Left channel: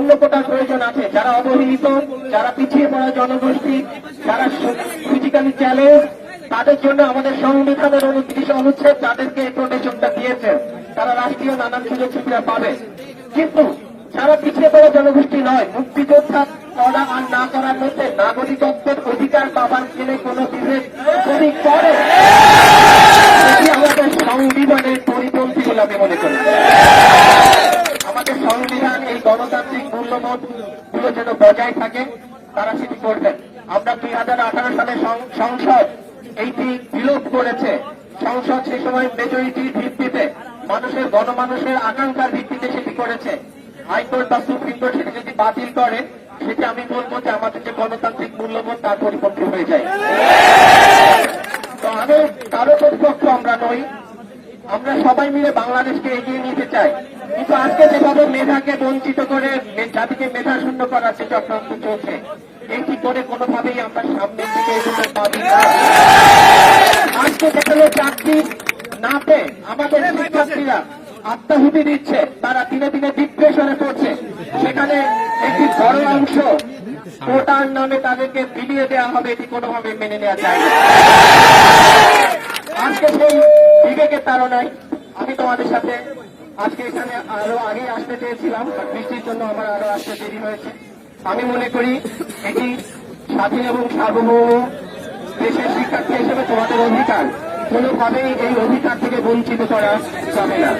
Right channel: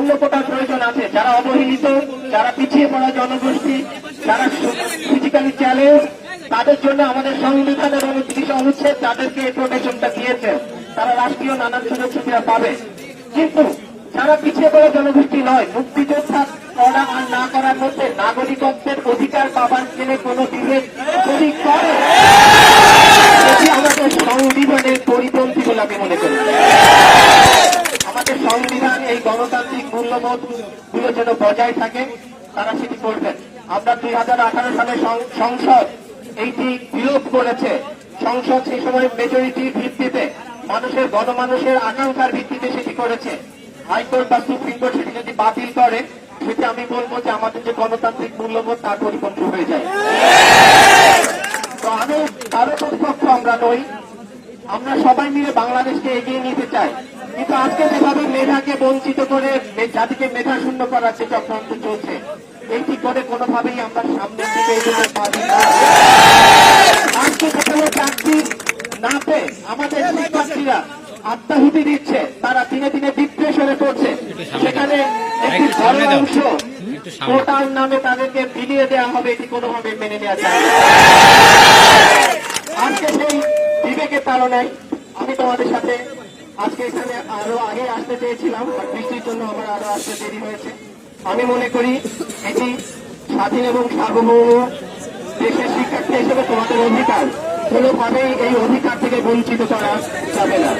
অন্য কোটার প্রয়োজন আছে, যারা অবহেলিত, যারা পিছিয়ে পড়া জনগোষ্ঠী, যারা ফিজিক্যালি চ্যালেঞ্জ, তাদের জন্য আমাদের সংবিধানের 29 অনুচ্ছেদ তাদেরকে এই প্রোটেকশনটা দিয়েছে, তারা রাষ্ট্রীয় নানান সুযোগ সুবিধা পাবে। কিন্তু যারা পিছিয়ে পড়া জনগোষ্ঠী নয়, মুক্তিযোদ্ধা করা আর না করার মধ্যে নাগরিকত্বের অধিকার পাবার জেনে কোনো বিভেদ যদি করে, এটি আমাদের সংবিধানের পরিপন্থী বলে আমি মনে করি। আমাদের সংবিধান এই গণতান্ত্রিক মূল্যবোধ গুলো যেন বজায় থাকে, তারা সেটি করবেন। আমরা 2018 সালে সংসদ এইটি বিলোপ করেছে। সংসদ সে সময় মেজরিটির ভিত্তিতে মানুষের গণমানুষের আকাঙ্ক্ষার ভিত্তিতে সেটি করেছে। হাইকোর্ট বা সুপ্রিম কোর্ট সেটি যদি বাতিল করে, সেটি আমি বলবো যে আমাদের যে গণতান্ত্রিক মূল্যবোধ তার পরিপন্থী হয়ে যায়। তো আমি কারো প্রতিপক্ষ আমরা নই, আমরা সবাই মিলে বাংলাদেশকে এগিয়ে নিতে চাই। কিন্তু আজকে যেভাবে মেধাকে বঞ্চিত করে জাতিকে মেধা শূন্য করার যে চক্রান্ত চলছে, এটি করে কোনোভাবেই আমরা সামনের দিকে এগোতে পারি না। আজকে যেখানে চাকরি না পেয়ে আমাদের শিক্ষার্থীরা আত্মাহুতি দিচ্ছে, তারা দিনে দিনে ডিপ্রেশনে পড়ছে, সেখানে একটি বড় অংশ কোটার নামে তাদেরকে বিলিয়ে দেওয়া হবে, এটি কোনোভাবে মেনে নেওয়া যায় না। আজকে সেই বিবেকের তাড়নায় আমি তোমাদের সাথে আজকে এখানে আরো আগে আসতে চেয়েছিলাম, বৃষ্টির জন্য আমার আরো আসতে দেরি হয়েছে। আমি মনে করি এটি স্বাধীন এবং সার্বভৌম দেশের শিক্ষার্থী হিসেবে তোমাদের অধিকার, কোনোভাবেই এই অধিকার থেকে বঞ্চিত করা যাবে না।